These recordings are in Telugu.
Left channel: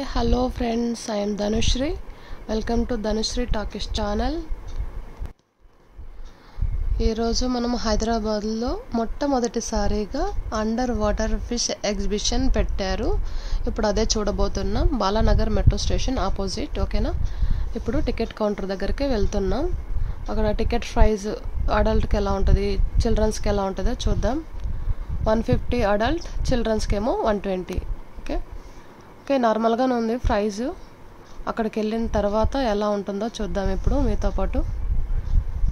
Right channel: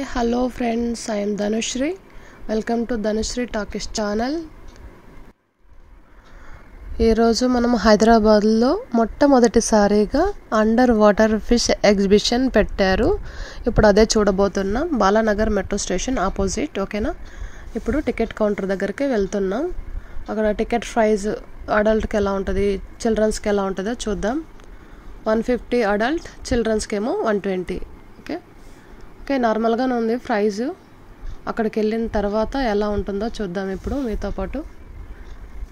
Hi, hello friends, I am Dhanushri. Welcome to Dhanushri Talkies channel. ఈరోజు మనం హైదరాబాద్లో మొట్టమొదటిసారిగా అండర్ వాటర్ ఫిష్ ఎగ్జిబిషన్ పెట్టారు. ఇప్పుడు అదే చూడబోతున్నాం. Balanagar metro station opposite. ఓకేనా? ఇప్పుడు టికెట్ కౌంటర్ దగ్గరికి వెళ్తున్నాం. అక్కడ టికెట్ ప్రైస్ అడల్ట్కి ఎలా ఉంటుంది, చిల్డ్రన్స్కి ఎలా ఉంటుందో చూద్దాం. 150 అడల్ట్, చిల్డ్రన్స్కి ఏమో 120. ఓకే, నార్మల్గానే ఉంది ప్రైజు. అక్కడికి వెళ్ళిన తర్వాత ఎలా ఉంటుందో చూద్దాం. ఇప్పుడు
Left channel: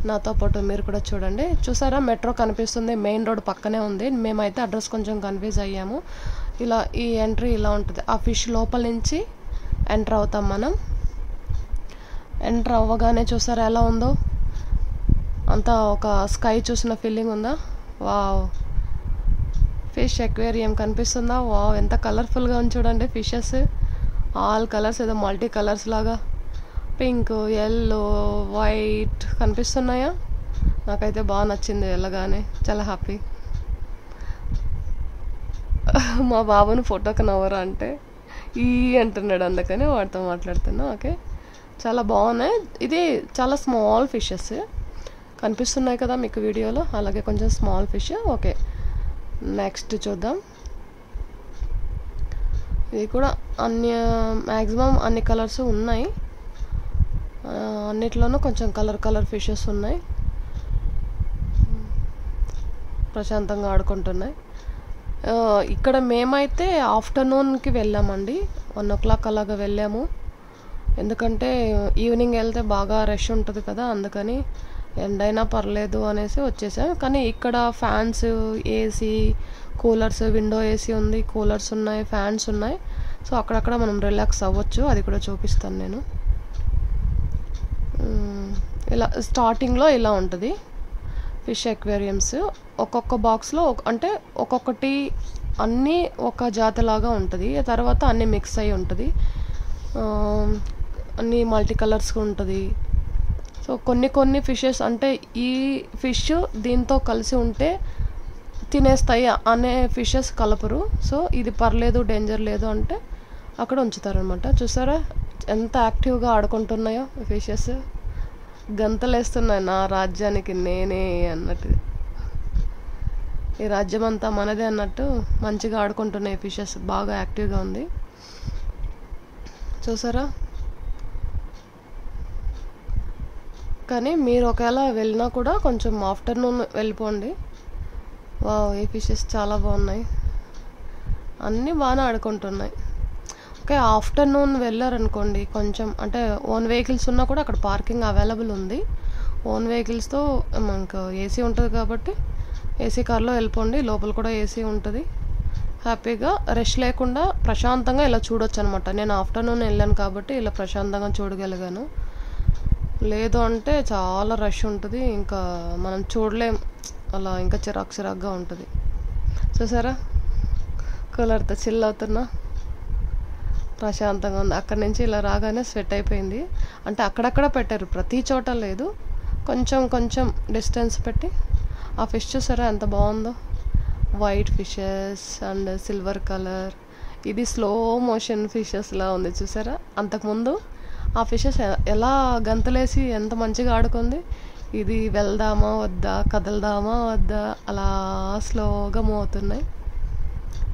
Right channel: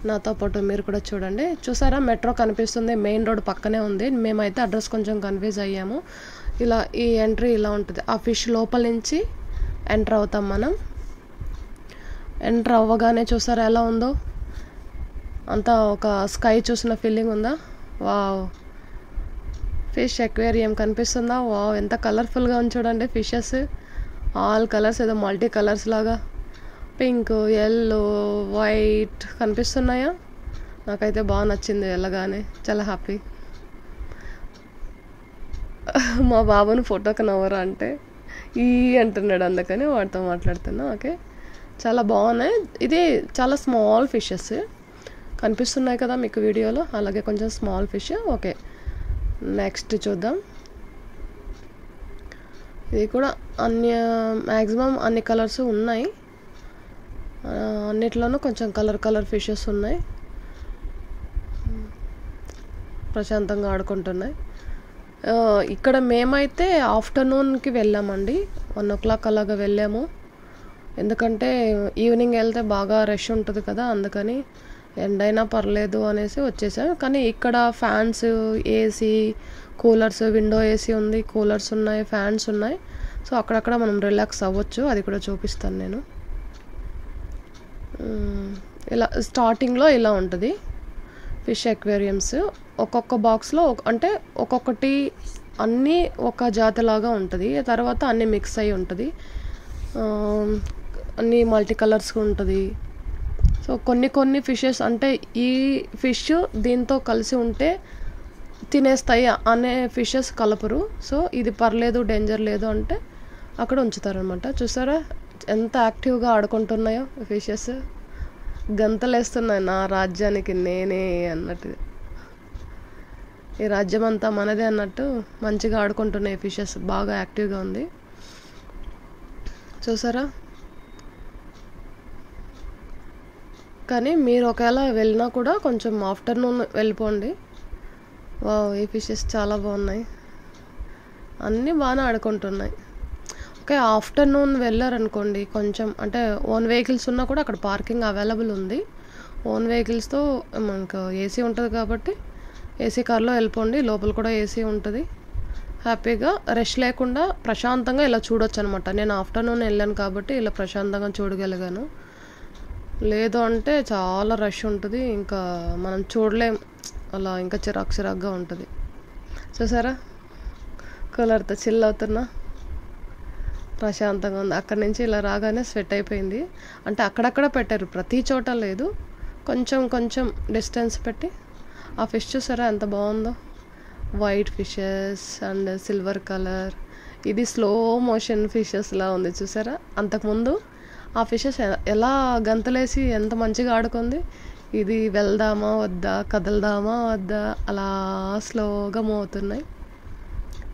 నాతో పాటు మీరు కూడా చూడండి. చూసారా, మెట్రో కనిపిస్తుంది, మెయిన్ రోడ్ పక్కనే ఉంది. మేమైతే అడ్రస్ కొంచెం కన్ఫ్యూజ్ అయ్యాము. ఇలా ఈ ఎంట్రీ ఇలా ఉంటుంది. ఆ ఫిష్ లోపల నుంచి ఎంటర్ అవుతాం మనం. ఎంటర్ అవ్వగానే చూసారా ఎలా ఉందో, అంతా ఒక స్కై చూసిన ఫీలింగ్ ఉందా? వావ్, ఫిష్ ఎక్వేరియం కనిపిస్తుందా? వావ్, ఎంత కలర్ఫుల్గా ఉంది చూడండి. ఫిషెస్ ఆల్ కలర్స్, ఏదో మల్టీ కలర్స్ లాగా పింక్, ఎల్లో, వైట్ కనిపిస్తున్నాయా? నాకైతే బాగా నచ్చింది వెళ్ళగానే, చాలా హ్యాపీ. మా బాబుని ఫోటోకి నవ్వరా అంటే ఈ అంటున్నాడు, అందుకని వాడితో మాట్లాడుతున్నా. ఓకే, చాలా బాగున్నాయి. ఇది చాలా స్మాల్ ఫిషెస్ కనిపిస్తున్నాయి కదా మీకు వీడియోలో, అలాగే కొంచెం స్మాల్ ఫిష్. ఓకే, నెక్స్ట్ చూద్దాం. ఇది కూడా మ్యాక్సిమం అన్ని కలర్స్ ఉన్నాయి. అన్నిట్లోనూ కొంచెం కలర్ ఫిషెస్ ఉన్నాయి. ప్రశాంతంగా ఆడుకుంటున్నాయి. ఇక్కడ మేమైతే ఆఫ్టర్నూన్కి వెళ్ళామండి. 1 o'clock అలాగా వెళ్ళాము. ఎందుకంటే ఈవినింగ్ వెళ్తే బాగా రష్ ఉంటుంది కదా, అందుకని ఎండైనా పర్లేదు అనేసి వచ్చేసాం. కానీ ఇక్కడ fans, AC, coolers, window AC ఉంది, కూలర్స్ ఉన్నాయి, ఫ్యాన్స్ ఉన్నాయి. సో అక్కడక్కడ మనం రిలాక్స్ అవ్వచ్చు. అది కూడా చూపిస్తాను నేను. ఇలా స్టార్టింగ్లో ఇలా ఉంటుంది ఫిష్ ఎక్వేరియమ్స్. ఒక్కొక్క బాక్స్లో అంటే ఒక్కొక్కటి అన్నీ ఒక జాతిలాగా ఉంటుంది. తర్వాత అన్నీ మిక్స్ అయి ఉంటుంది, అన్నీ మల్టీ కలర్స్ ఉంటుంది. సో కొన్ని ఫిషెస్ అంటే ఈ ఫిష్ దీంతో కలిసి ఉంటే తినేస్తాయి అనే ఫిషెస్ కలపరు. సో ఇది పర్లేదు, డేంజర్ లేదు అంటే అక్కడ ఉంచుతారనమాట. చూసారా ఎంత యాక్టివ్గా ఆడుకుంటున్నాయో ఫిషెస్. గంతలేస్తున్నాయి, నా రాజ్యానికి నేనే అన్నట్టు, ఈ రాజ్యం అంతా మనదే అన్నట్టు మంచిగా ఆడుకుంటున్నాయి ఫిషెస్. బాగా యాక్టివ్గా ఉంది చూసారా. కానీ మీరు ఒకవేళ వెళ్ళినా కూడా కొంచెం ఆఫ్టర్నూన్ వెళ్ళిపోండి. వావ్, ఈ ఫిషెస్ చాలా బాగున్నాయి, అన్నీ బాగానే ఆడుకుంటున్నాయి. ఓకే, ఆఫ్టర్నూన్ వెళ్ళారనుకోండి, కొంచెం అంటే ఓన్ వెహికల్స్ ఉన్నా కూడా అక్కడ పార్కింగ్ అవైలబుల్ ఉంది. ఓన్ వెహికల్స్తో మనకు ఏసీ ఉంటుంది కాబట్టి ఏసీ కార్లో వెళ్ళిపోండి. లోపల కూడా ఏసీ ఉంటుంది. హ్యాపీగా రష్ లేకుండా ప్రశాంతంగా ఇలా చూడొచ్చు అనమాట. నేను ఆఫ్టర్నూన్ వెళ్ళాను కాబట్టి ఇలా ప్రశాంతంగా చూడగలిగాను. లేదు అంటే చాలా రష్ ఉంటుంది, ఇంకా మనం చూడలేం, అలా ఇంకా చిరాకుగా ఉంటుంది. చూసారా, కూలర్తో చిల్ అవుతున్నా, ప్రశాంతంగా ఉంది. అక్కడి నుంచి ఇలా రాగానే స్వెట్ అయిపోయింది. అంటే అక్కడక్కడ పెట్టారు, ప్రతి చోట లేదు, కొంచెం డిస్టెన్స్ పెట్టి. ఆ ఫిష్ చూసారా ఎంత బాగుందో, white fishes and silver colour. ఇది స్లో మోషన్ ఫిషెస్లా ఉంది చూసారా. అంతకుముందు ఆ ఫిషెస్ ఎలా గంతలేసి ఎంత మంచిగా ఆడుకుంది. ఇది వెళ్దామా వద్దా, కదలదామా వద్దా, అలా స్లోగా మూవ్ అవుతున్నాయి.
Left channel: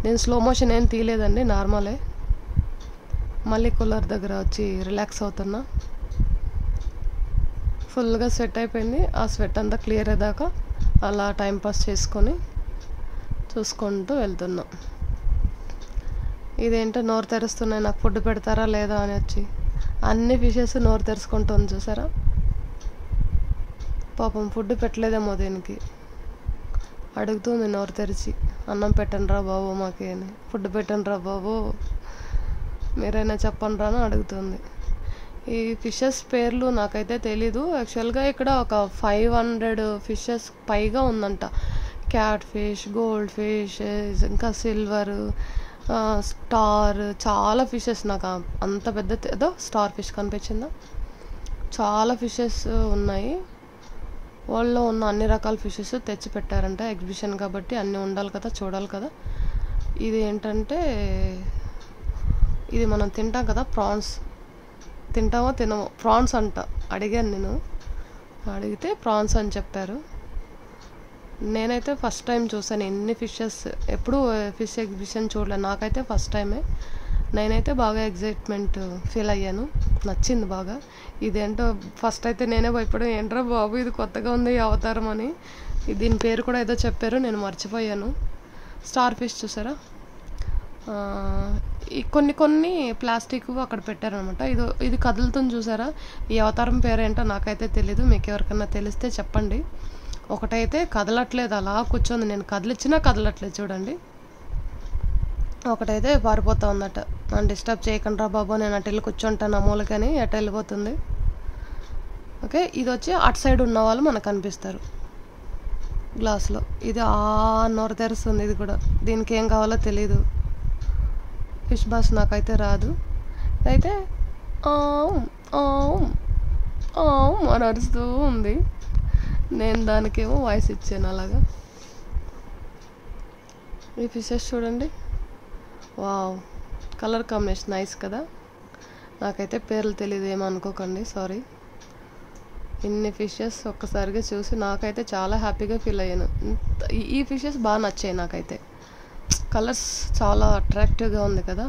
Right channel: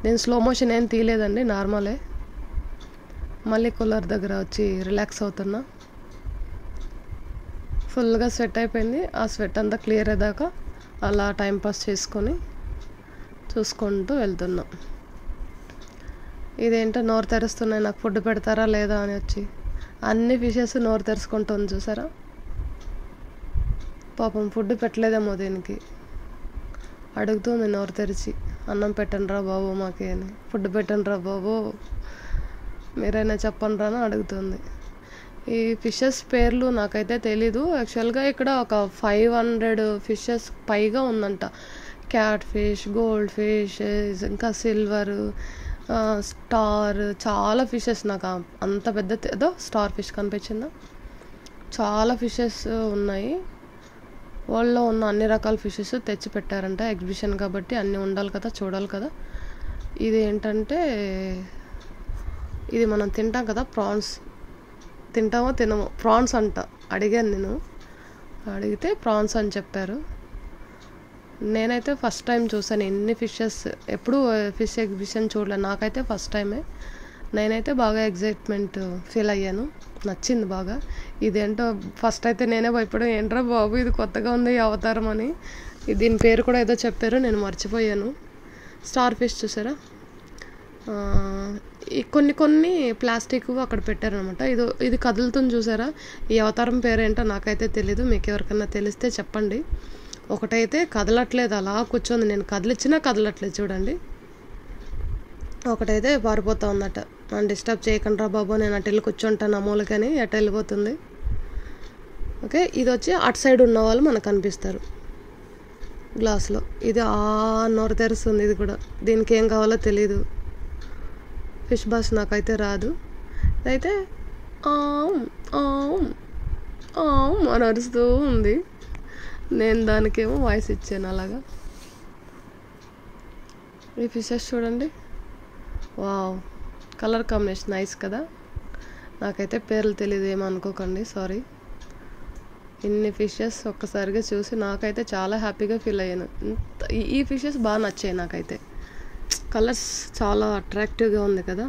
నేను స్లో మోషన్ ఏం తీయలేదండి, నార్మలే. మళ్ళీ కూలర్ దగ్గర వచ్చి రిలాక్స్ అవుతున్నా. ఫుల్గా స్వెట్ అయిపోయింది. ఆ స్వెట్ అంతా క్లియర్ అయ్యాక అలా టైంపాస్ చేసుకొని చూసుకుంటూ వెళ్తున్నా. ఇదేంటో నోరు తెరుస్తున్నాయి, నాకు ఫుడ్ పెడతారా లేదా అని వచ్చి అన్ని ఫిషెస్ నోరు తెరుచుకుంటుంది చూసారా. పాపం ఫుడ్ పెట్టలేదేమో దీనికి, అడుగుతుంది నోరు తెరిచి, అన్నం పెట్టండి రా బాబు మాకే అని, ఫుడ్ పెట్టండి రా బాబు మీరైనా చెప్పండి రా అని అడుగుతుంది. ఈ ఫిషెస్ పేర్లు నాకైతే తెలీదు. యాక్చువల్గా ఇక్కడ ఒక 500 ఫిషెస్ పైగా ఉందంట. క్యాట్ ఫిష్, గోల్డ్ ఫిష్, ఇంకా సిల్వర్, స్టార్, చాలా ఫిషెస్. నాకు అంత పెద్ద ఏదో స్టార్ ఫిష్ కనిపించిందా, చాలా ఫిషెస్ ఉన్నాయి. వరల్డ్లో ఉన్న అన్ని రకాల ఫిషెస్ తెచ్చి పెట్టారంట ఎగ్జిబిషన్ కాబట్టి. అన్నీ ఉండాలి కదా, చూడాలి కదా. ఇది ఏంటంటే ఇది మనం తింటాం కదా ప్రాన్స్, తింటామో తినమో, ప్రాన్స్ అంట. అడిగాను నేను, అడిగితే ప్రాన్స్ అని చెప్పారు. నేనైతే ఫస్ట్ టైం చూసాను ఎన్ని ఫిషెస్, ఎప్పుడు ఫిష్ ఎగ్జిబిషన్ చూడలేదు, నాకైతే ఫస్ట్ టైమే. నేనైతే బాగా ఎగ్జైట్మెంట్ ఫీల్ అయ్యాను, నచ్చింది బాగా. ఇదేంటో ఫస్ట్ అయితే నేనే భయపడాను, ఏంట్రా బాబు ఇది కొత్తగా ఉంది ఈ అవతారం అని. దీని పేరు కూడా ఏదో చెప్పారు, నేను మర్చిపోయాను. స్టార్ ఫిష్ చూసారా, కొన్ని ప్లాస్టిక్ అక్కడ పెట్టారనమాట. ఇది కదులుతుంది చూసారా, ఈ అవతారం పేరేంటో నాకైతే తెలీదు, మీకు ఎవరికన్నా తెలిస్తే చెప్పండి. ఒకటైతే కదలట్లేదు, అలా కూర్చోంది, నేను కదిలిచ్చినా కదలట్లేదు చూడండి. ఒకటైతే పారిపోతా ఉందట, నన్ను డిస్టర్బ్ చేయకండి రా బాబు, నేను అటు వెళ్ళి కూర్చుంటాను అమూలకని అటు వెళ్ళిపోతుంది. ఓకే, ఇది వచ్చి అటు సైడ్ ఉన్న వాళ్ళు మనకు కనిపిస్తారు గ్లాస్లో. ఇది నోరు తెరుస్తుంది, ఇది కూడా దీనికి ఏం కావాలో తెలీదు, ఫిష్ బాస్ నాకైతే రాదు. ఇదైతే అని అరుస్తూ ఉంది, నేను దానికేమో వాయిస్ ఇచ్చాను అలాగా. ఈ ఫిషెస్ చూడండి, వావ్, కలర్ కాంబినేషన్ నైస్ కదా. నాకైతే పేర్లు తెలియదు, ఏమనుకోకండి, సారీ. ఇన్ని ఫిషెస్ ఒక్కసారిగా చూసి నాకైతే చాలా హ్యాపీగా ఫీల్ అయ్యాను. ఈ ఫిషెస్ బాగా నచ్చాయి నాకైతే, కలర్స్ చాలా అట్రాక్టివ్గా ఉంది కదా,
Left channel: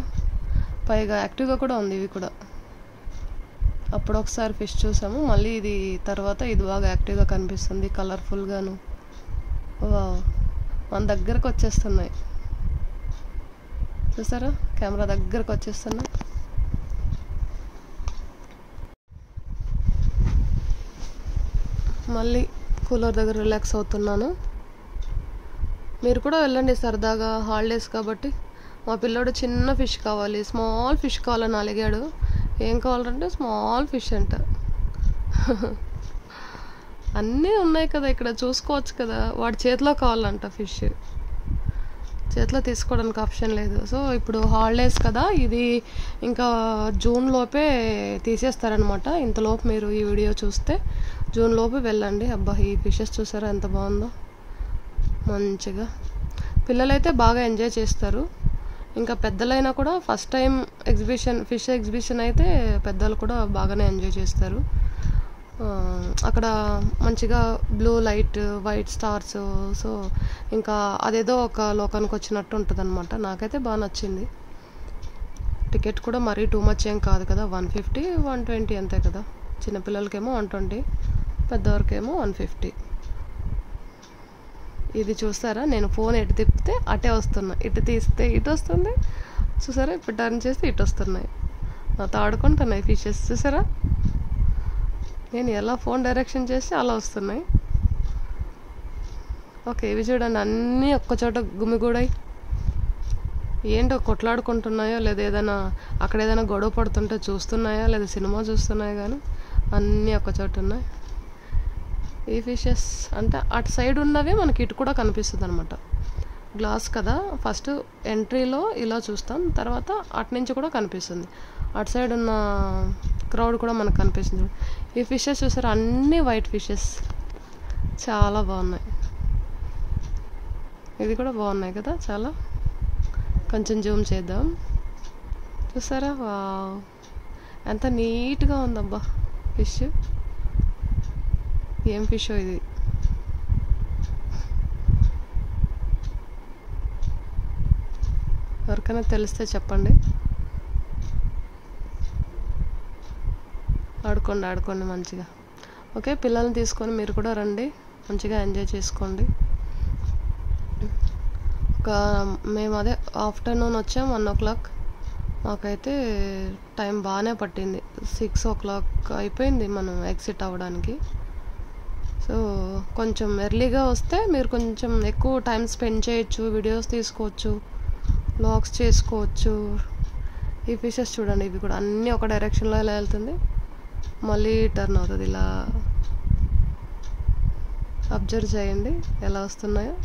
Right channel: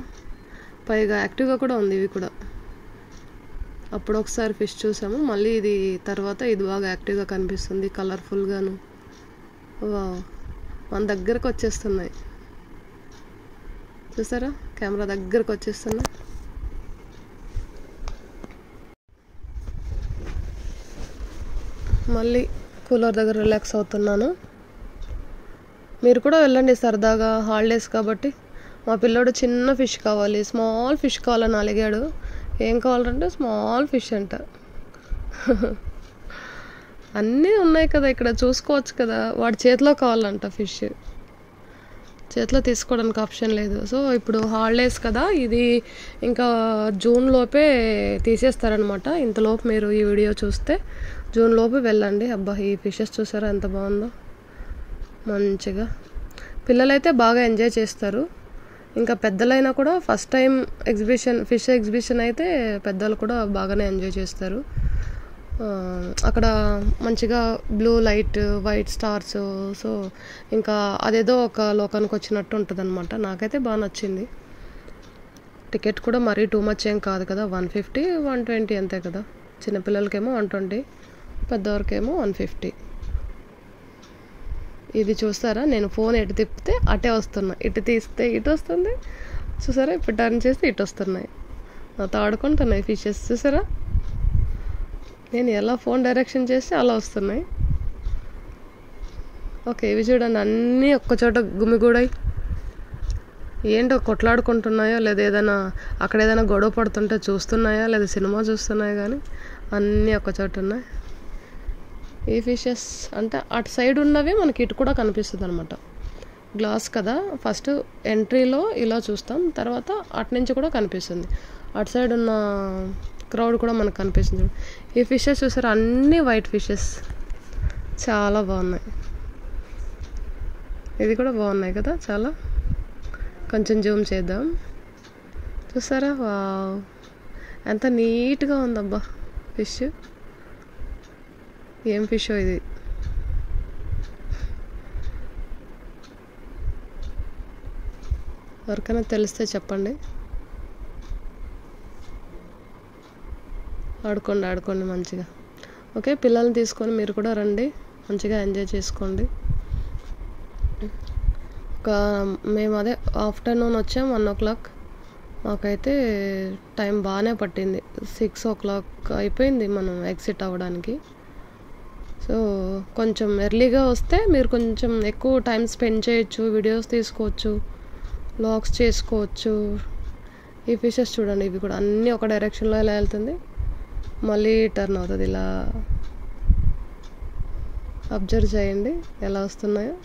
పైగా యాక్టివ్గా కూడా ఉంది. ఇవి కూడా అప్పుడు ఒకసారి ఫిష్ చూసాము, మళ్ళీ ఇది తర్వాత ఇది బాగా యాక్టివ్గా కనిపిస్తుంది, కలర్ఫుల్గాను. వావ్, మన దగ్గరకు వచ్చేస్తున్నాయి చూసారా, కెమెరా దగ్గరకు వచ్చేస్తున్నా. మళ్ళీ కూలర్ దగ్గర రిలాక్స్ అవుతున్నాను. మీరు కూడా వెళ్ళండి సరదాగా, హాలిడేస్ కాబట్టి. మా పిల్లోడు చిన్న ఫిష్ కావాలి, స్మాల్ ఫిష్ కావాలని అలిగాడు. ఏం కావాలంటే స్మాల్ ఫిష్ అంట. అన్నీ ఉన్నాయి కదా ఇక్కడ, చూసుకోవచ్చు కదా. వాడి చేతిలో కావాలంట ఫిష్, చేతిలో తీసుకోవడానికి ఆప్షన్ లేదు. సో ఇప్పుడు హాలిడేస్ కదా, ఇది ఇంకా జూన్ లోపే తీసేస్తారనమాట. ఇంతలోపు మీరు ఈ వీడియో చూస్తే జూన్ లోపే వెళ్ళండి. అబ్బా, ఈ ఫిషెస్ చూసారా ఎంత బాగుందో, మంచిగా. పిల్లలైతే బాగా ఎంజాయ్ చేస్తారు, ఇంకా పెద్దలైనా కూడా. ఫస్ట్ టైం ఫిష్ ఎగ్జిబిషన్ అయితే పెద్దలు కూడా బాగానే ఎంజాయ్ చేస్తారు. అక్కడ మంచిగా blue light, white stars, so ఇంకా అదేదో ఒక లోకానికి వచ్చినట్టు ఉంటుంది అనమాట. నాకైతే బాగా నచ్చింది. టికెట్ కూడా మరీ టూ మచ్ ఏం కాదు కదా, 150, 120 అంతే కదా. చిన్నపిల్లలకేమో 120, పెద్దవారికేమో 150. ఇది చూస్తారా, నేను ఫోన్ ఎటు తిప్పితే అటే వస్తున్నా, ఇటు తీస్తే ఇటు వస్తుంది చూసారా, ఇప్పుడు టర్న్ చేస్తే ఇటు వస్తున్నాయి, నాతో ఆడుకుంటున్నాయి ఫిషెస్ చూసారా. నేను ఎలా ఫోన్ డైరెక్షన్ చేస్తే అలా వస్తున్నాయి. ఓకే, ఇవి చూడండి, అన్నీ ఒక్కచోట గుమిగూడాయి. ఏంటో కొట్లాడుకుంటున్నాయో లేదా ఏదైనా అక్కడ ఏదైనా గొడవ పడుతుంటే చూస్తున్నాయా లేదా సినిమా చూస్తున్నాయో కానీ అన్నీ ఒక్కచోట ఉన్నాయి. ఈ ఫిషెస్ అంటే అటు సైడ్ ఉన్నవి మనకి ఇటు కూడా కనిపిస్తుంది అనమాట. గ్లాస్ కదా, ఫస్ట్ ఎంట్రీలో ఇలా చూస్తాం, తర్వాత అటు నుంచి కూడా కనిపిస్తుంది. అటు సైడ్ ఉన్న క్రౌడ్ కూడా మనకు కనిపిస్తుంది. ఈ ఫిషెస్ చూసారు, అన్నీ వైట్ ఫిషెస్ చాలా బాగున్నాయి. ఇది కూడా బాగున్నాయి కదా చాలా. కొంచెం జూమ్ చేద్దాం, చూసారా, వావ్ ఎంత నీట్గా ఉందబ్బా ఫిష్. ఏం ఫిష్ ఇది, ఎవరికైనా తెలిస్తే చెప్పండి. ఆడుకోండి మంచిగా. ఓకే, పిల్లల్ని తీసుకొని మీరు కూడా రండి, మంచిగా ఎంజాయ్ చేసుకోండి. మేము అదే ఆఫ్టర్నూన్ వచ్చాం 1 o'clock. మాకైతే టైం బాగానే పట్టింది, 6 o'clock అయిపోయింది మనం ఎగ్జిట్ అవ్వడానికి. సో కొంచెం ఎర్లీగా వస్తే మీరు కొంచెం ఎక్కువ టైం స్పెండ్ చేయొచ్చు, వీడియోస్ తీసుకోవచ్చు, వ్లాగ్స్ చేసుకోవచ్చు. ఈ ఫిషెస్ చూడండి, ఇవి కూడా అన్నీ ఒక డైరెక్షన్లో ఇలా వెళ్తుంది, మళ్ళీ టర్న్ అవుతుంది. ఇలా అబ్జర్వ్ చేయండి ఎలా వస్తున్నాయో.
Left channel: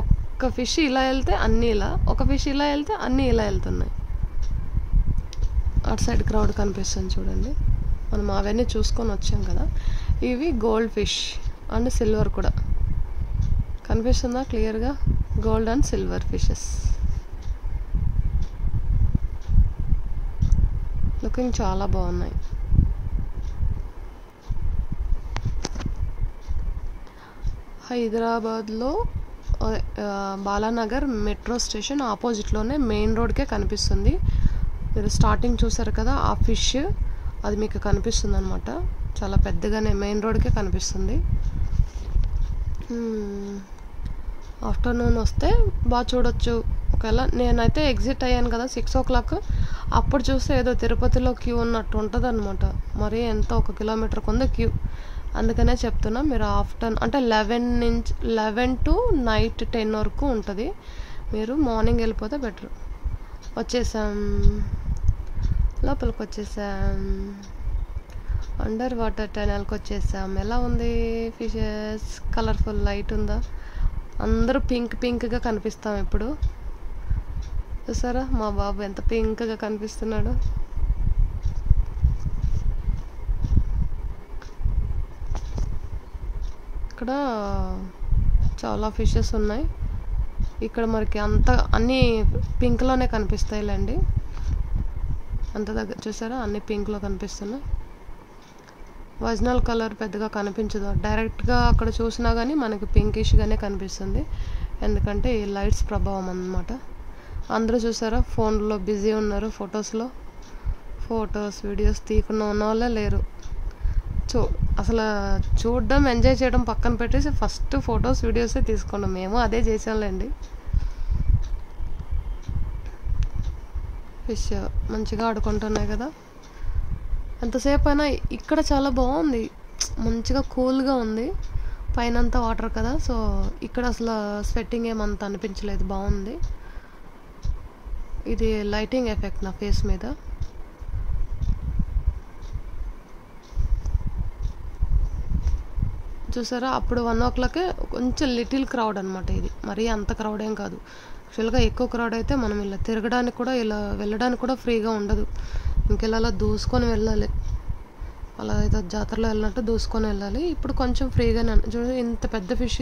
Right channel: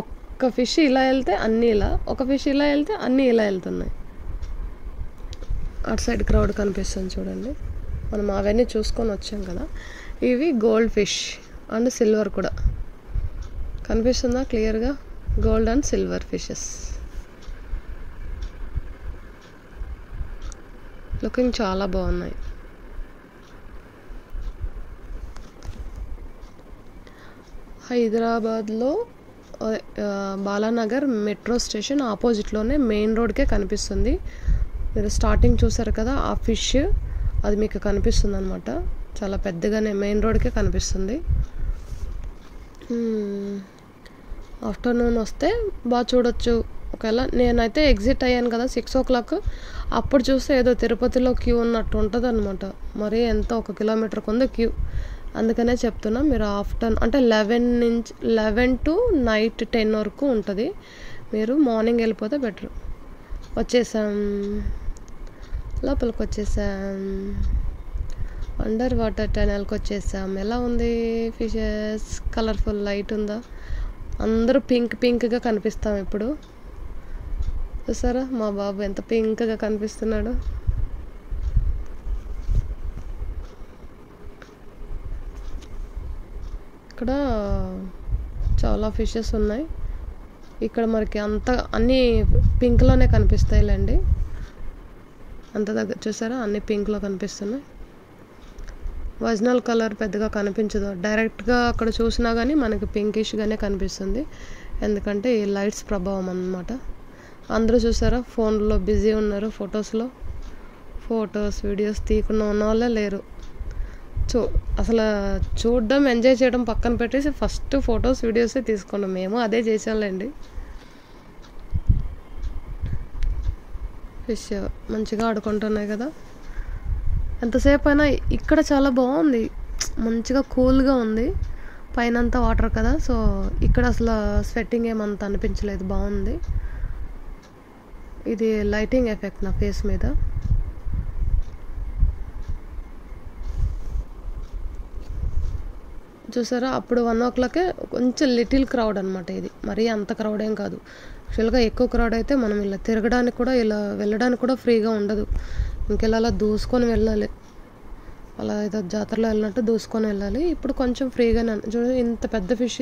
ఒక్క ఫిష్ ఇలా వెళ్తే అన్నీ ఇలా, ఒక ఫిష్ ఇలా వెళ్తే అన్నీ ఇలా వెళ్తున్నాయి. అటు సైడ్ క్రౌడ్ కనిపిస్తుంది చూడండి. మనం అవన్నీ చూసుకొని వచ్చాం కదా. ఇవి గోల్డ్ ఫిష్ అండ్ సిల్వర్ కూడా కనిపిస్తుందా క్లియర్గా, gold and silver fishes. Looking చాలా బాగున్నాయి. హైదరాబాద్లో బాలానగర్ మెట్రో స్టేషన్ ఆపోజిట్లోనే మెయిన్ రోడ్కే కనిపిస్తుంది. మీరు స్టార్టింగ్ చూసారు కదా, ఆ ఫిష్ అది మీకు కనిపిస్తుంది అనమాట. చాలా పెద్దగానే మెయిన్ రోడ్కే కనిపిస్తుంది. ఆఫ్టర్నూన్ వస్తే బాగా చూడొచ్చు. ఒకవేళ నేనైతే ఎగ్జిట్ అయ్యాను కదా 6 o'clock, అప్పుడు చూస్తే ఏదో తిరుపతిలో క్యూ ఉన్నట్టు ఉంటుంది అనమాట. మరి ఎంత 1 kilometer ఉంది క్యూ. అందుకనే చెప్తున్నా, మీరు ఆఫ్టర్నూన్ అంటే 11 to night 10 వరకు ఉంటుంది. మీరు మార్నింగ్ వెళ్ళిపోతే బెటర్. వచ్చేసాం, లోపలికి వచ్చేసాం, అండర్ వాటర్ టనల్కి వచ్చేసాం. ఎలా ఉంది ఫిషెస్? కలర్ఫుల్ లైట్ ఉందా? అందరూ పింక్గా కనిపిస్తాం ఇప్పుడు. చూసారా మా బాబు ఎంత పింక్గా కనిపిస్తున్నాడు. ఇక్కడ చాలా ఫిషెస్ ఉన్నాయి. ఇక్కడ మనకి అన్నీ పింక్లోనే కనిపిస్తాయిలేండి. అంత దగ్గర చూసారా, అన్ని పింక్లో కనిపిస్తున్నాయి. ఒరిజినల్ కలర్ పెద్దగా కనిపించదు. డైరెక్ట్గా అక్కడ చూసినా కానీ మనకి పింకిష్గానే కనిపిస్తుంది. ఎందుకంటే ఈ లైట్స్ ప్రభావం అన్నమాట. అందరూ చూసారా ఫోన్లో బిజీ ఉన్నారు. ఫొటోస్ వీడియోస్ తీయకుండా ఉన్న వాళ్ళే లేరు. అసలు చూడడం ఎంజాయ్ చేయడం పక్కన పెట్టేసి ఫస్ట్ ఫొటోస్ వీడియోసే తీసుకున్నాం. మేము అదే చేసాంలేండి. ఫిష్ మంచిగా ఆడుకుంటున్నాయి కదా. ఎంతసేపు అయినా ఇక్కడ చాలా బాగుంది, మంచిగా కూల్గా ఉంది. పైన అంతా వాటర్ కదా, సో ఇక్కడ అసలు స్వెట్టింగ్ ఏమంత అనిపించలేదు, బాగుంది. ఇది లైటింగ్ ఎఫెక్ట్ నా ఫేస్ మీద. చూసారా, అప్పుడు 1 o'clock కొంచెం లిటిల్ క్రౌడ్ అనమాట. ఇది మరీ అంత క్రౌడ్ ఏం కాదు. యాక్చువల్గా ఎక్కువ క్రౌడ్ అయితే మనం ఇలా తిరగడానికి కూడా, ఇలా వెళ్ళడానికి కూడా ఫ్రీగా ఉండదు. ఇంకెలా దూసుకొని వెళ్ళాలి, అలా ఏదో జాతరలో వెళ్ళినట్టు దూసుకొని వెళ్ళాలి. ఇప్పుడు కొంచెం ఫ్రీగానే. చూడండి ఇంత పెద్ద ఫిష్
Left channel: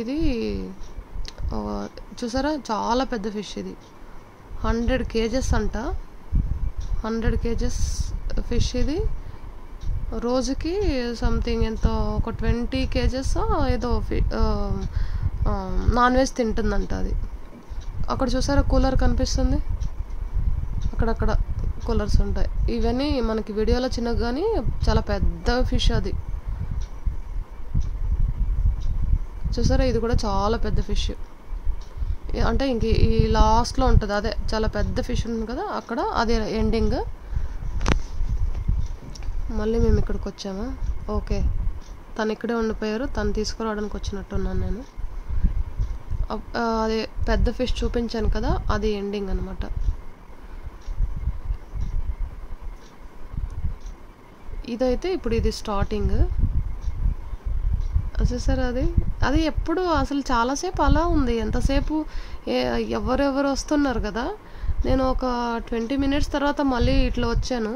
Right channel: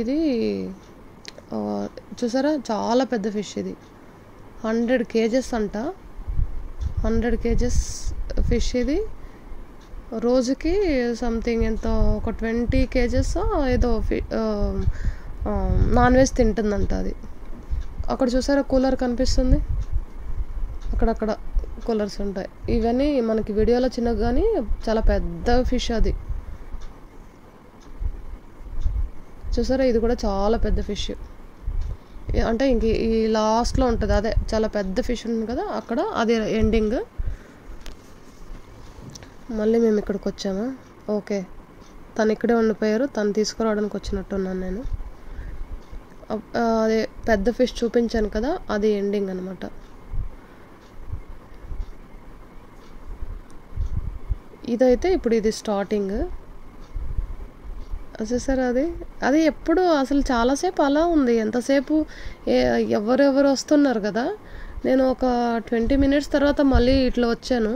ఇది చూసారా, చాలా పెద్ద ఫిష్. ఇది 100 kgs అంట. 100 kgs ఫిష్ ఇది. రోజుకి సంథింగ్ ఎంత, ఒక 20 kgs ఏదో నాన్ వెజ్ తింటుందంట అది. అక్కడ చూసారా కూలర్ కనిపిస్తుంది, అక్కడక్కడ కూలర్స్ ఉంటాయి. ఇవన్నీ మనకి వీడియోలో చిన్నగా కానీ చాలా పెద్ద ఫిష్ అది. చూసారా, ఇది కూడా చాలా పెద్ద ఫిష్. అంటే ఇంక ఈ లాస్ట్లో ఉంటుంది, అదే చాలా పెద్ద ఫిష్ ఉంటుంది కదా అక్కడ, అది ఎండింగ్. మళ్ళీ మేము ఇక్కడికి వచ్చామా? ఓకే, తను ఇక్కడే ఉండిపోయారు. తను తీసుకురావడానికి వచ్చినట్టున్నాను నేను. అదే పెద్ద ఫిష్ చూపించాను కదా, అది ఎండింగ్ అనమాట. ఇదైతే ఇప్పుడు ఇది స్టార్టింగ్. చూసారా, అది ఎప్పుడు అసలు చాలాసేపు అలా ఉంది. ఎంతసేపు ఎవరెవరు వస్తున్నారు కదా. నేను ఒక 20 minutes తర్వాత మళ్ళీ ఇట్లా వచ్చాను,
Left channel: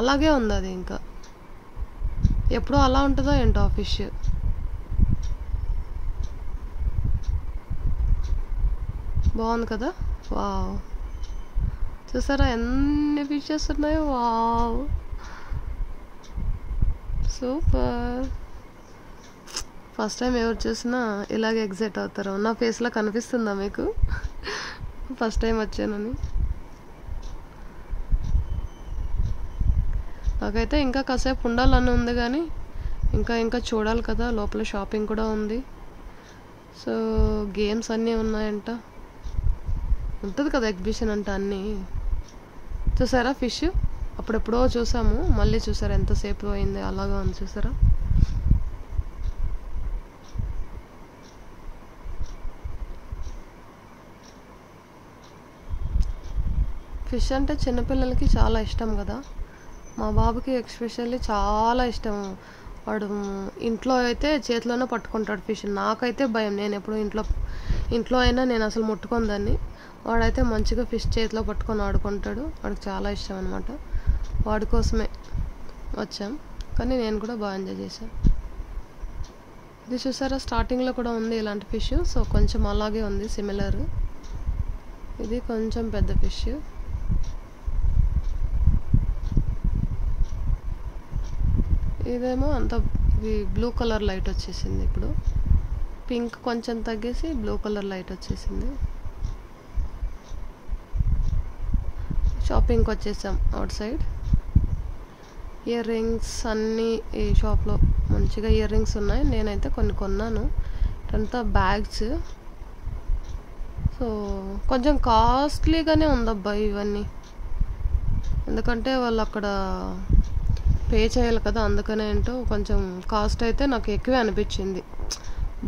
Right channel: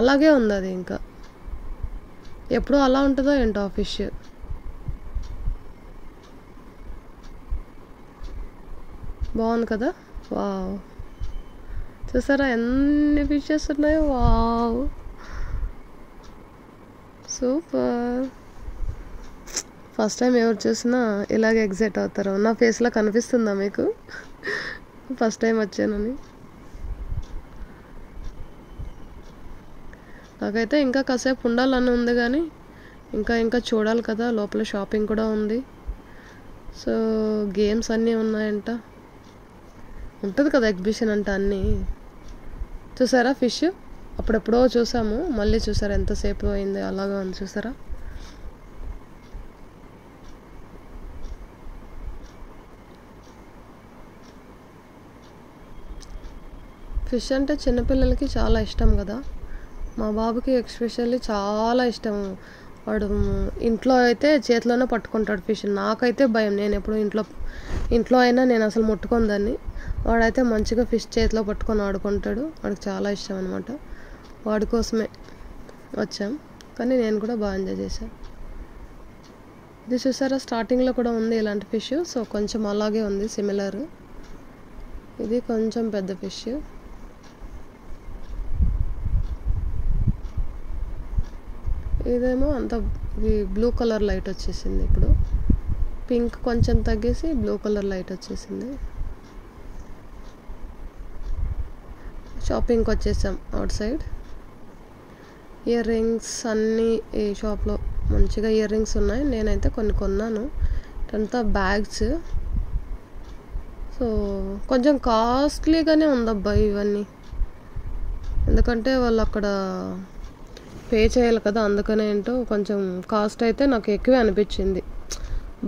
అలాగే ఉంది అది. ఇంకా ఎప్పుడు అలా ఉంటుందో ఏంటో ఆ ఫిష్. బాగుంది కదా. వావ్, చూసారా ఎన్ని ఫిషెస్ ఉన్నాయో. Wow, super. ఫస్ట్ టైం ఎవరు చూసినా ఇలాగే ఎగ్జైట్ అవుతారు. నా ఫేస్లో కనిపిస్తుందా మీకు ఫస్ట్ టైం వచ్చానని? నాకైతే ఇంకా కాసేపు ఉండాలని ఉంది, కానీ ఇంకా చూడాలి కదా. లోపల షాపింగ్ కూడా ఉంది. సో గేమ్స్ అన్నీ ఉన్నాయంట. ఉంటుంది కదా ఎగ్జిబిషన్ అంటే అన్నీ. చూసారా ఫిష్, అప్పుడెప్పుడో చూసాము, మళ్ళీ చూసారా ఎంతసేపు అయింది, అలాగా ఉంది. చూసారా, ఫిష్ అంటే చిన్నపిల్లలకి చాలా ఇష్టం కదా. మా బాబుకి ఎస్పెషల్లీ చాలా ఇష్టం. వాడు ఇంట్లో అయితే చేతిలోనే పట్టుకుంటాడు ఫిష్. నాకైతే భయం, నేను ఎప్పుడు ఇంట్లో అయినా నేను అసలు ముట్టుకొని దాన్ని. వాడైతే మంచిగా ఫిష్ చేతిలో పట్టుకొని ఆడుకుంటాడు. వాడికి చాలా ఇష్టం అనమాట. వాడి కోసమే వచ్చాం, కానీ నేను కూడా బాగా ఎంజాయ్ చేశాను. ఇది చూసారా, స్టార్టింగ్లో కూడా ఉంది ఇలాంటి ఫిష్. సో కొంచెం అలాగే ఉంది, సిమిలర్. ఇది కొంచెం పెద్ద ఫిష్. ఇదేమో అంత ఇది బ్లూ కలర్ లైట్ వచ్చేసింది. ఇప్పుడు పింక్ కొంచెం తగ్గేసి బ్లూ కలర్ లైట్ వచ్చేసింది. షాపింగ్కి వచ్చేసాం అవుట్ సైడ్. ఇయర్ రింగ్స్ అన్నీ ఈ షాప్లో మంచిగా ఇయర్ రింగ్స్ ఉన్నాయి. నేనైతే కొన్ని కొన్నాను. ఇదంతా బ్యాగ్స్. సో కొంచెం కాస్ట్లీగానే ఉందబ్బా ఇవన్నీ, ఎందుకంటే వాళ్ళు అక్కడ పే చేయాలి కదా, అందుకనే ఏంటో కొంచెం కాస్ట్ అయితే నాకు ఎక్కువే అనిపించింది.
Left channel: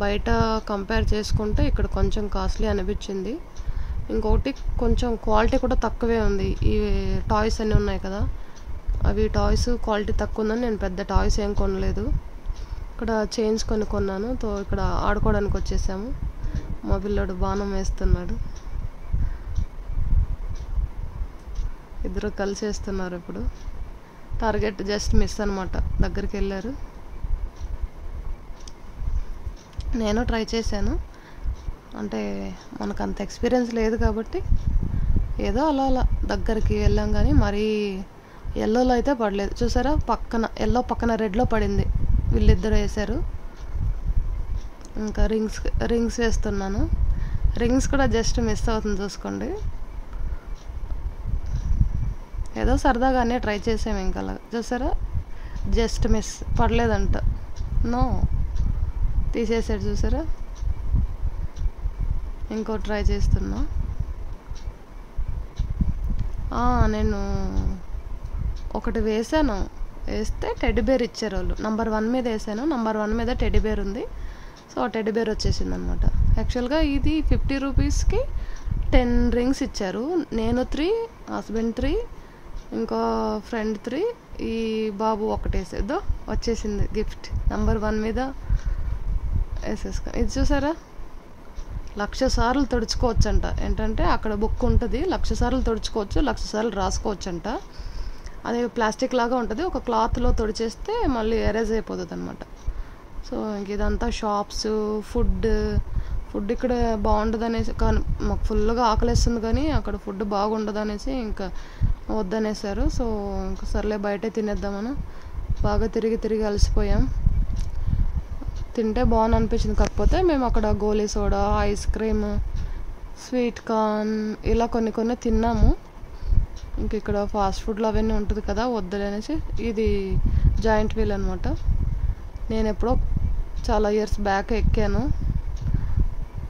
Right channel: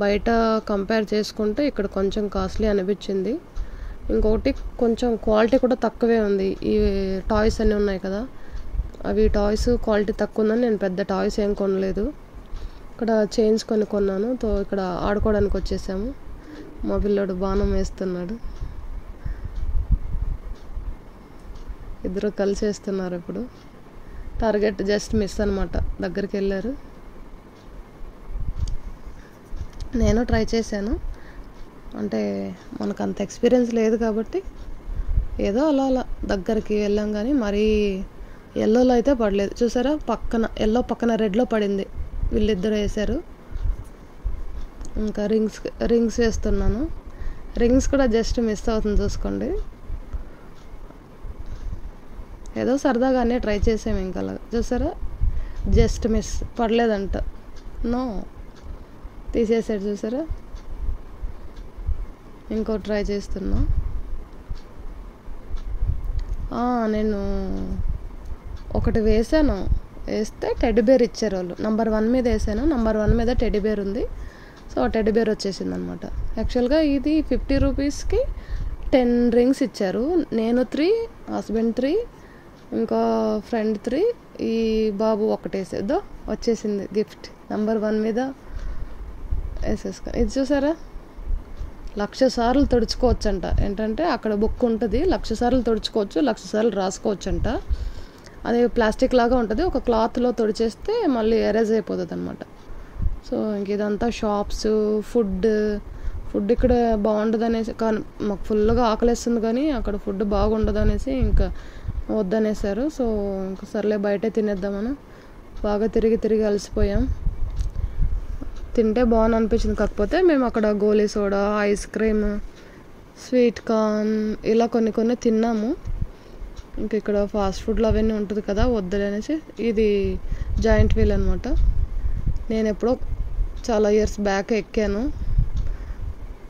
బయట కంపేర్ చేసుకుంటే ఇక్కడ కొంచెం కాస్ట్లీ అనిపించింది. ఇంకొకటి కొంచెం క్వాలిటీ కూడా తక్కువే ఉంది. ఈ టాయ్స్ అన్నీ ఉన్నాయి కదా, అవి టాయ్స్ క్వాలిటీ తక్కువ ఉందని నేను పెద్ద టాయ్స్ ఏం కొనలేదు. ఇక్కడ చైన్స్ కొన్నాను. తో ఇక్కడ ఆడుకోవడానికి వచ్చేసాము. మా పిల్లోడు బాణం వేస్తున్నాడు. ఇద్దరు కలిసి వేస్తున్నారు. ఇప్పుడు టార్గెట్ జస్ట్ మిస్ అనమాట, దగ్గరికి వెళ్ళారు. నేను ట్రై చేశాను, అంటే మనకు అంత ఎక్స్పీరియన్స్ లేదు కాబట్టి ఏదో అలా అలా దగ్గరికి వెళ్ళాం. కానీ మరీ ఎల్లోలో అయితే పడలేదు. చూసారా, పక్కన ఎల్లో పక్కన రెడ్లో పడింది. వీళ్ళిద్దరు వేశారు. ఇంకా రింగ్స్ వేస్తున్నాను. రింగ్స్ కూడా జస్ట్ మిస్ అవుతుంది చూసుకోండి. ఏదో సరదాగానే ట్రై చేసాము. ఇంకా అలా చూసారా, జస్ట్ మిస్, పడలేదంట. నో, తీసేసాడు. చూసారా, ఇంకో ట్రై చేస్తున్నా. నేను ఒకటి వేసాను. వేస్తే టెడ్డీబేర్ ఇచ్చారు వాళ్ళు. నంబర్ 1 మీద వేసాను. నంబర్ 1 మీద టెడ్డీబేర్ ఉంది. సో టెడ్డీబేర్ వచ్చేసింది అనమాట. యాక్చువల్గా ఇది 50 రూపీస్కి 10 రింగ్స్ ఇచ్చారు. నేను 3, హస్బెండ్ 3, ఇంకా ఫ్రెండ్ 3, ఈ బాబు ఒకటి వేసేద్దో వచ్చేసింది గిఫ్ట్. నంబర్ 1 మీద వేసేసుకొని, ఇది చూసారా, 1,00,000 సార్లు తుడుచుకోవచ్చు అంట. ఏంటంటే అక్కడ బుక్ ఉంటుంది, 1,00,000 సార్లు తుడుచుకోవచ్చు, 1,00,000 సార్లు రాసుకోవచ్చు అంట. అది ప్లాస్టిక్ లాగా ఉంటుంది. ఒక క్లాత్లో తుడిచేస్తే మళ్ళీ ఎరేజ్ అయిపోతుంది అనమాట. సో ఇంక ఇదంతా షాప్స్, ఫుడ్ ఇక్కడ బాగుండదు అనేసి, కానీ మాకు ఫుల్గా ఆకలిస్తుంది కానీ అక్కడ ఫుడ్ బాగుండదు అనేసి ఇంకా వద్దనేసారు. సో ఇంకా సర్లే బయటే తినేద్దామని బాగా తిరిగి అలసిపోయాం. తింటే బాగుంది అనిపించింది. కాకపోతే మేము అక్కడ గోలీ soda, ice cream, sweet corn ఇలా కొన్ని తిన్నాము. ఇంక ఇక్కడ ఫాస్ట్ ఫుడ్లు అవన్నీ ఉంటుంది కదా, వద్దులనేసి ఇది జాయింట్ వీల్ అనమాట. నేను ఎప్పుడో చాలా ఇయర్స్ బ్యాక్ ఎక్కాను.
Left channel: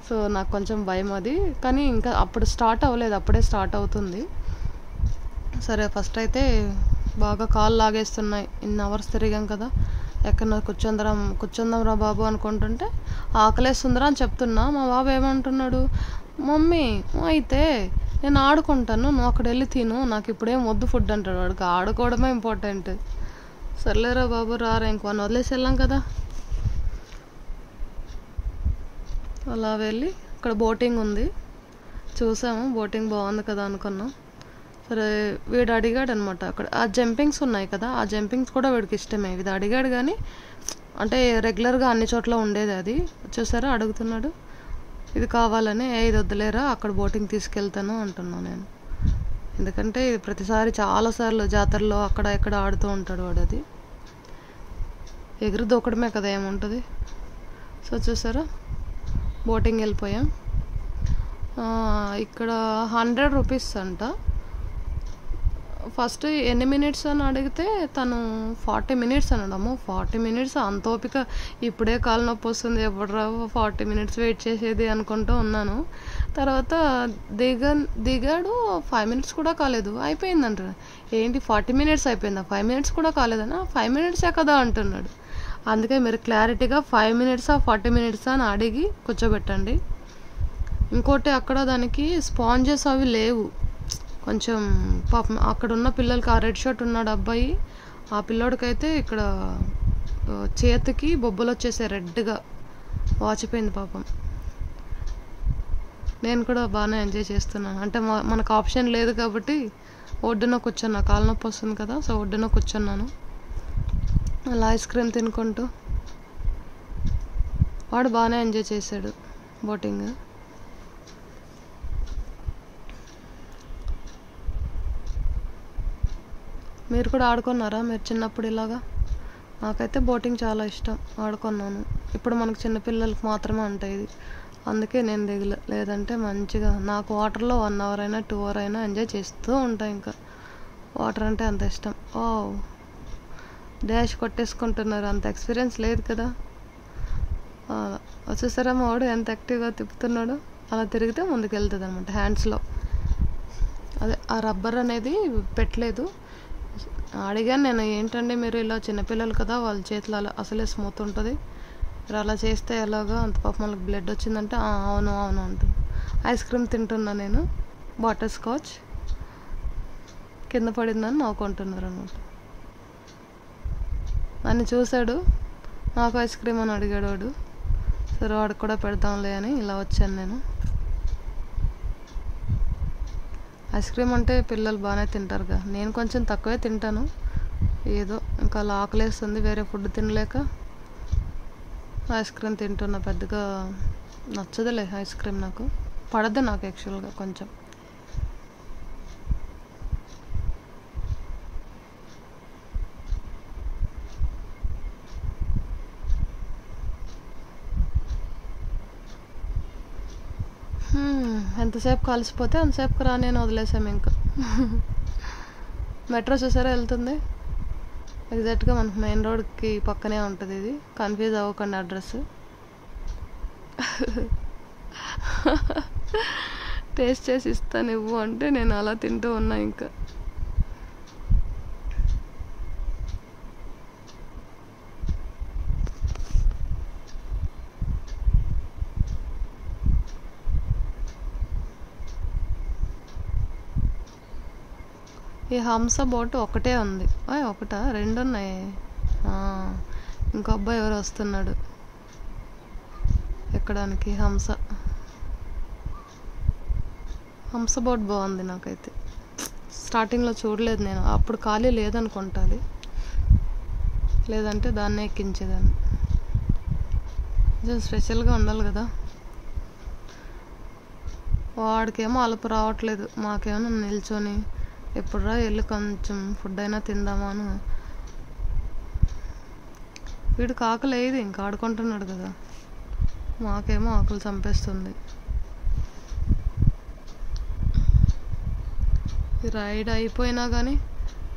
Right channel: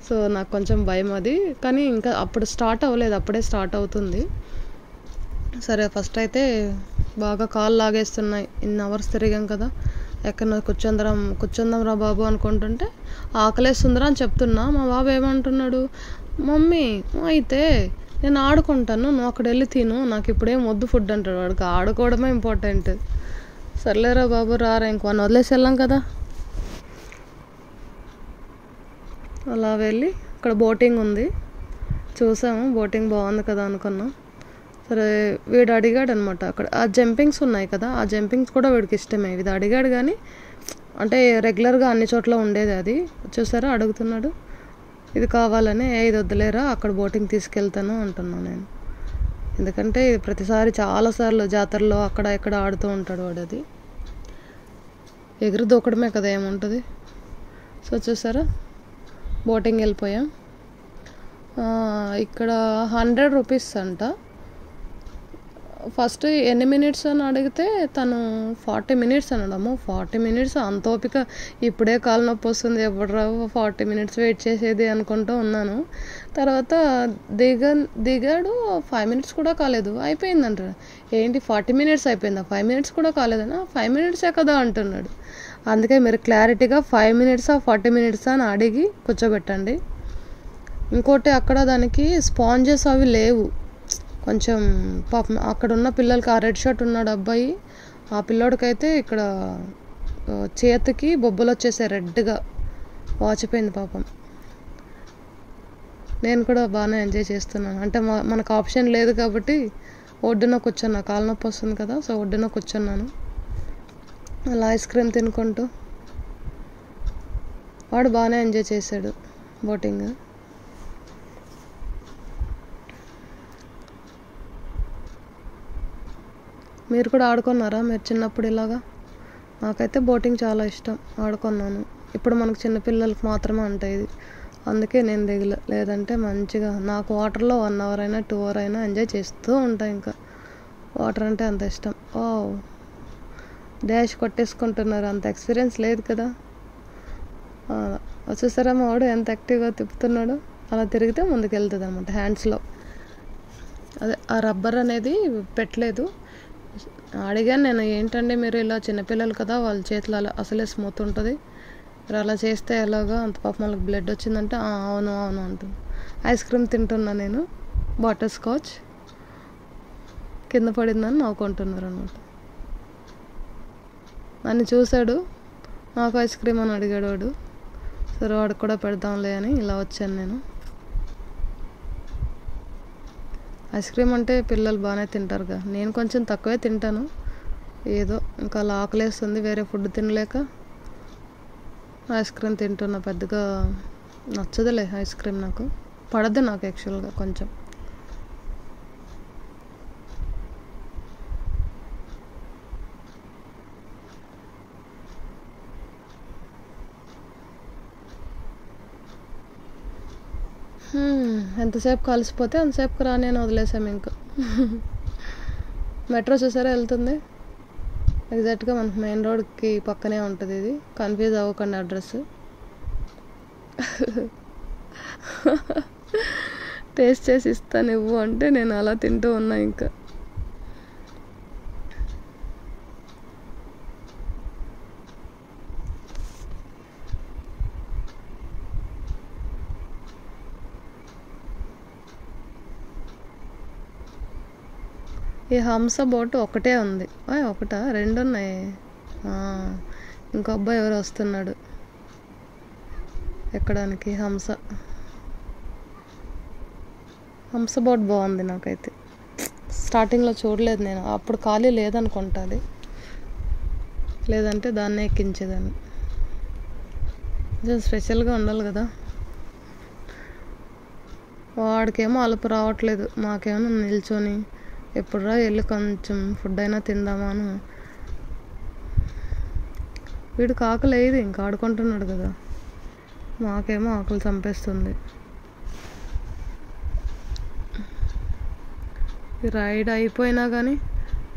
సో నాకు కొంచెం భయం అది, కానీ ఇంకా అప్పుడు స్టార్ట్ అవ్వలేదు, అప్పుడే స్టార్ట్ అవుతుంది. సరే ఫస్ట్ అయితే బాగా కాళ్ళు లాగేస్తున్నాయి. ఇన్ని అవర్స్ తిరిగాం కదా, ఎక్కడ కూర్చుందాం రా బాబు అనుకుంటుంటే ఆకలేస్తుందిరా అని చెప్తున్నా. మా బాబు ఏమంటున్నాడు, మమ్మీ అయితే నేను ఆడుకుంటాను, నువ్వు అక్కడ వెళ్ళి తిను, నాకు ఇప్పుడేం వద్దు ఫుడ్ అంటాడు. వాడికి ఆడుకోవడమే ఇంపార్టెంట్. సర్లేరా బాబు రారా, ఇంకో వదిలేసి వెళ్ళాం కదా. అలా వెళ్ళి అక్కడ బోటింగ్ ఉంది, చూసాము. బోటింగ్ బాగుంది కదా అనుకున్నాం. సరే వీడు అడిగాడు అనమాట, అక్కడ ఆ జంపింగ్స్ ఉన్నాయి కదా, ఆ జంపింగ్స్ కూడా వీడికి ఇష్టమే. ఇది అడిగాడు కానీ అంటే రెగ్యులర్గా అన్ని చోట్ల ఉండేది అది. చూసారా, అడుగుతున్నాడు ఇది కావాలని. ఇది వద్దులేరా, అక్కడ బోటింగ్ తీసుకెళ్తాను అంటున్నాను నేను. ఎందుకంటే ఇది ప్రతిసారి చాలాసార్లు జాతరలో అక్కడ ఎక్కడ ఆడుతూ ఉంటాడు వాడు. అది ఎగురు దూకడమే కదా, ఏముంటుంది. సో చూసారా, బోటింగ్ వెళ్ళిపోయాం. ఇక్కడ 100 రూపీస్ అంట. ఫస్ట్ ఎన్ని మినిట్స్ అని అడిగితే తను 40 మినిట్స్ అన్నాడమ్మో. 40 మినిట్స్, అంత ఓపిక ఇప్పుడే కాలు నొప్పి వస్తుంది, ఎప్పుడు రావు 40 మినిట్స్ వెయిట్ చేసేది అనుకుంటూ ఉన్నాను. తర్వాత దిగాడు, 5 మినిట్స్ కూడా కాలేదు, అయిపోయిందంట. ఏంటి 40 మినిట్స్ అయిపోయిందా, 5 మినిట్స్ కూడా కాలేదన్నా, 5 మినిట్సే కదా అంటున్నాడు. అందుకే మీరు క్లారిటీగా 5 మినిట్సా 40 మినిట్సా అని అడిగి కూర్చోబెట్టండి. ఇంకోటి, అక్కడ దానికి స్పాంజెస్ అవి లేవు. కొంచెం పాపం అక్కడ ఉన్న పిల్లలకి, ఆ రెడ్ షర్ట్ ఉన్నాడు అబ్బాయి, ఆ పిల్లోడికైతే ఇక్కడ చేతికి బొబ్బలు వచ్చేసాయి, రెడ్గా వాచిపోయింది పాపం. నేను కూడా బాగానే ఎంజాయ్ చేస్తున్నాను. అంటే మనకు ఆప్షన్ లేదు కాబట్టి ఒడ్డున కూర్చున్నా, కాలు నొప్పి వస్తుంది కదా, సో ఒడ్డున కూర్చున్నాను అలా ఐస్ క్రీమ్ తినుకుంటూ. వాడు బాగానే ఎంజాయ్ చేశాడు బోటింగ్. మీరు కూడా ఆడుకున్నారా మీరు చిన్నప్పుడు ఇలాగా? నాకైతే బోటింగ్ చాలా ఇష్టం, ఆడుకున్నాను. ఇప్పుడు మనకు చిన్నపిల్లలకి మాత్రమే ఉంటాయి ఇది, అందుకే నేను దిగలే. లేదంటే మంచిగా నాకు వాటర్లో 1 అవర్ అయినా 2 అవర్ అయినా ఎంజాయ్ చేస్తూ ఉంటాను. ఇంకా వాటర్ అంటే అంత ఇష్టం. ఓ డాష్ కొట్టేసుకుంటున్నారు, అంత ఎక్స్పీరియన్స్ లేదు కదా. అలా వచ్చేసారా మా వాడు ఎంత యాక్టివ్గా తిప్పుతున్నాడు. అలా తిరిగితే ముందుకు వెళ్తుంది అనమాట హ్యాండ్స్లో. అదే ఆ రబ్బర్ అనేది పెట్టలేదు. అడిగాను నేను, ఏంటంటే మీరు ఇలా చిన్నపిల్లలు కదా, వాళ్ళ చేతిలో అలా అసలే స్మూత్ ఉంటుంది, మీరు అలా చేస్తే ఎలాగా, అంత పాపం వాళ్ళకి బ్లడ్ వచ్చిందంటే అవును అవును అంటుంది. ఐస్ క్రీమ్ తింటున్నా నేను, బటర్ స్కాచ్, కింద పడిందని నవ్వుకుంటున్నారు అనమాట. నన్ను చూశాడు, నాకు ఐస్ క్రీమ్ అని అడిగాడు వాడు. సరే వాడికి కూడా పెడదాంలే అని ఇలా వచ్చాను నేను. ఐస్ క్రీమ్ అంటే పిల్లలు బాగానే తింటారుగా, నేను కొంచెం తక్కువే తింటాను. ఏదో ఇంకా అలా ఆకలేస్తుంది, వేరే ఫుడ్ తినలేక ఐస్ క్రీమ్ తింటున్నా. పెద్దగా నచ్చదులే ఐస్ క్రీమ్, నాకు పడద్దు నాకు యాక్చువల్గా కొంచెం. ఎంతసేపు కలిసిపోతే అంతసేపుకి రా నేను వదిలేసాము ఇంకా. మెట్రో చూసారా వెళ్తుంది, ఎగ్జాక్ట్గా మనకు మెయిన్ రోడ్కి పక్కనే ఉంటుంది. ఇది కన్ఫ్యూజ్ అవ్వకండి అడ్రస్. టేస్ట్ చేసి ఇస్తాను ఇవ్వు అంటే నేను అలా తింటూ ఉన్నా. ఇంకా ఈ హంస బోటు ఒకటే ఉంది, ఒకటా 2 ఉన్నాయి. ఇంకో అబ్బాయి ఎవరు వస్తున్నాడు ఎక్కడానికి. హంస బోట్ బాగుంది నాకైతే. స్టార్టింగ్లో చూడలేదు నేను, అప్పుడు ఖాళీ లేదనుకుంటుంది, లేదంటే దాన్నే ఎక్కించేదాన్ని. కొంచెం స్పెషల్గా ఉండాలి కదా. వాడికేమో అలుపు రావట్లేదు, మాకేమో నిల్చొని ఎప్పుడురా వెళ్ళి కొంచెం ఫుడ్ అయినా తిందామా అని. వీడికి ఆకలి అయ్యేది, ఇంకా ఆడుకుంటున్నాడు కదా, మాకేమో ఆకలి చంపేస్తుంది. ఈ రైడ్ అయిపోయినా కానీ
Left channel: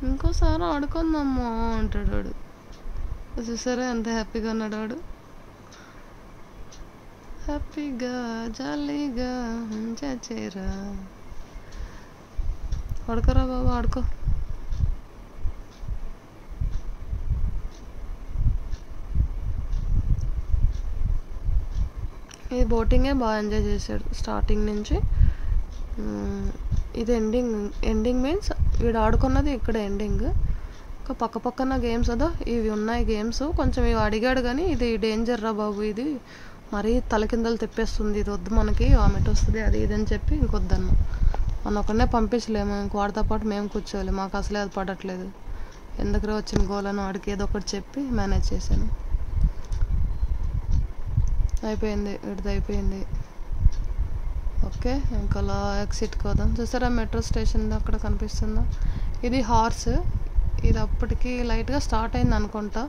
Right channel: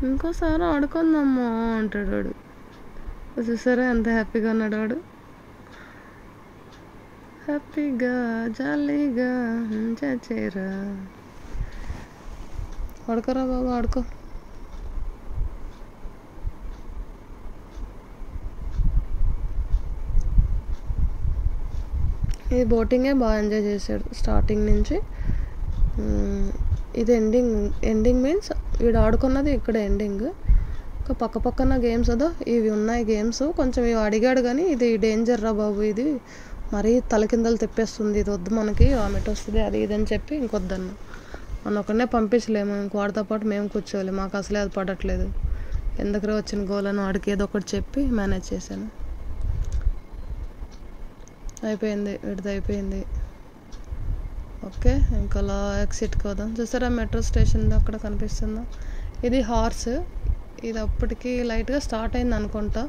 ఇంకోసారి ఆడుకుందాము అంటాడు వాడు. చూసారా ఎంత హ్యాపీగా ఉన్నాడు వాడు, హ్యాపీగా జాలీగా ఎంజాయ్ చేయరా. ఆడుకోరా బాబు ఆడుకో. ఈ బోటింగే బాగా ఎంజాయ్ చేశాడు స్టార్టింగ్ నుంచి. ఇది ఎండింగ్ మీన్స్ వీడు ఆడుకున్నది ఇక్కడ ఎండింగ్. ఇంకా పక్క పక్కన గేమ్స్ అదో ఇవి ఉన్నాయి గేమ్స్. కొంచెం ఇవి అడిగాడు కానీ ఇది డేంజర్ రా బాబు, ఇది మరీ తలకిందలు తెప్పేస్తుంది, ఇది వద్దు మనకి, వామిట్ వస్తుంది, అది ఇది అని చెప్పి ఇంకొద్దన్నా. మన ఒకనే పంపించలేము, ఇంక వాడితో పాటు మేము కూర్చోవాలి. మాకు అసలే అది పడట్లేదు, ఎందుకు వచ్చిన గోలను వాడికి ఏదో ఒకటి చెప్పి మేనేజ్ చేశాను. అయిపోయింది వీడిది, అయిపోయింది. ఓకే ఇంకా అలా ఎగ్జిట్కి వద్దాం. చూసారా మెట్రో స్టేషన్ అక్కడ కనిపిస్తుందా, ఇది హార్స్. ఇది అప్పటికి లైట్గా స్టార్ట్ అయింది అనుకుంటా.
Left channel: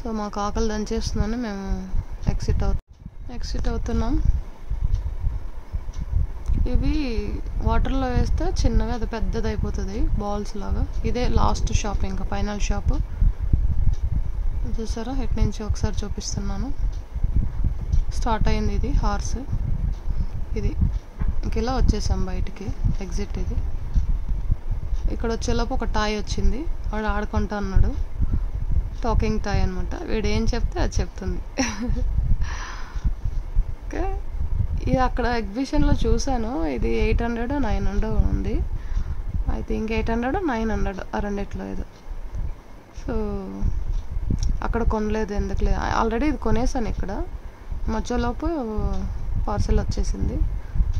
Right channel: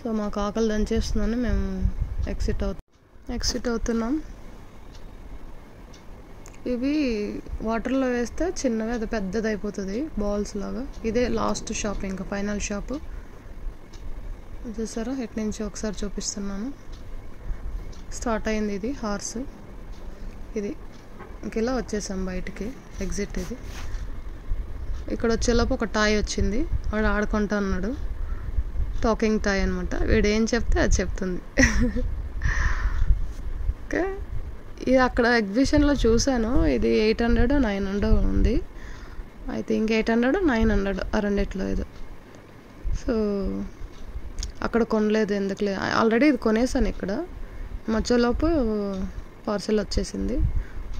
సో మాకు ఆకలి దంచేస్తుందని మేము ఎగ్జిట్ అవుతున్నాం. ఇవి వాటర్లో వేస్తే చిన్నగా అది పెద్దది అయిపోతుంది బాల్స్ లాగా. ఇదే లాస్ట్ షాప్, ఇంకా ఫైనల్ షాప్. చూసారా ఇటు నుంచి ఒకసారి చూపిస్తున్నాను. స్టార్ట్ అయింది ఇది హార్స్. ఇది ఇంక ఇలా వచ్చేసాం బయటికి, ఎగ్జిట్ ఇది. ఇక్కడ వచ్చేలోపు ఒక టాయ్ వచ్చింది, వాడు ఆడుకుంటా అన్నాడు. టాకింగ్ టాయ్ అనమాట, వీడు ఏం చెప్తే అది చెప్తుంది. ఓకే ఇది అక్కడ ఎగ్జిబిషన్లో చూశాను, ఇది 800 900 ఉంది. ఐ థింక్ 800 900 ఆ రెండిట్లో ఏదో. సో అక్కడ కొనలేదు, ఎందుకులే, ఆల్రెడీ ఇది కొనేసాను. ఇక్కడ మధ్యలోపు పార్సెల్ వచ్చేసింది,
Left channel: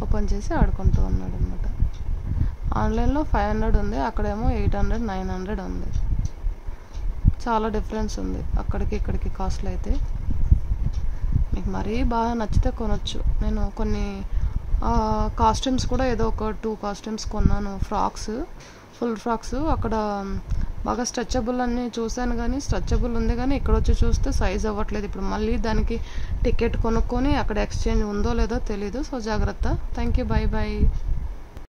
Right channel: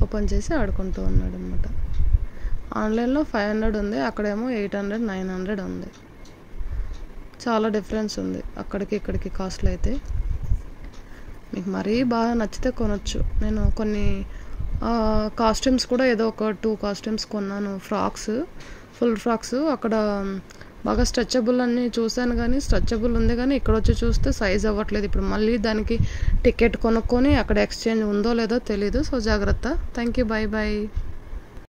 ఓపెన్ చేసి ఆడుకుంటూ ఉన్నాడు అనమాట. ఆన్లైన్లో 500 ఉంది, అక్కడేమో 800 900 ఉంది. చాలా డిఫరెన్స్ ఉంది అక్కడికి ఇక్కడికి కాస్ట్లో అయితే. మీకు మరీ బాగా నచ్చితే కొనొచ్చు. నేను కొన్ని కాస్ట్యూమ్స్ కూడా ఏదో ఒక 2 కాస్ట్యూమ్స్ కొన్నాను, ఫ్రాక్స్, ఫుల్ ఫ్రాక్స్. అక్కడ బాగా స్ట్రెచబుల్ అన్నీ చూశాను కానీ స్ట్రెచబుల్ ఉంది కానీ ఇక్కడ వచ్చి చూస్తే సైజ్ అవ్వట్లేదు. ఇప్పుడు మళ్ళీ దానికి టికెట్ కొనుక్కొని అక్కడ ఎక్స్చేంజ్ ఉందో లేదో తెలీదు. సో జాగ్రత్త. Thank you. Bye bye.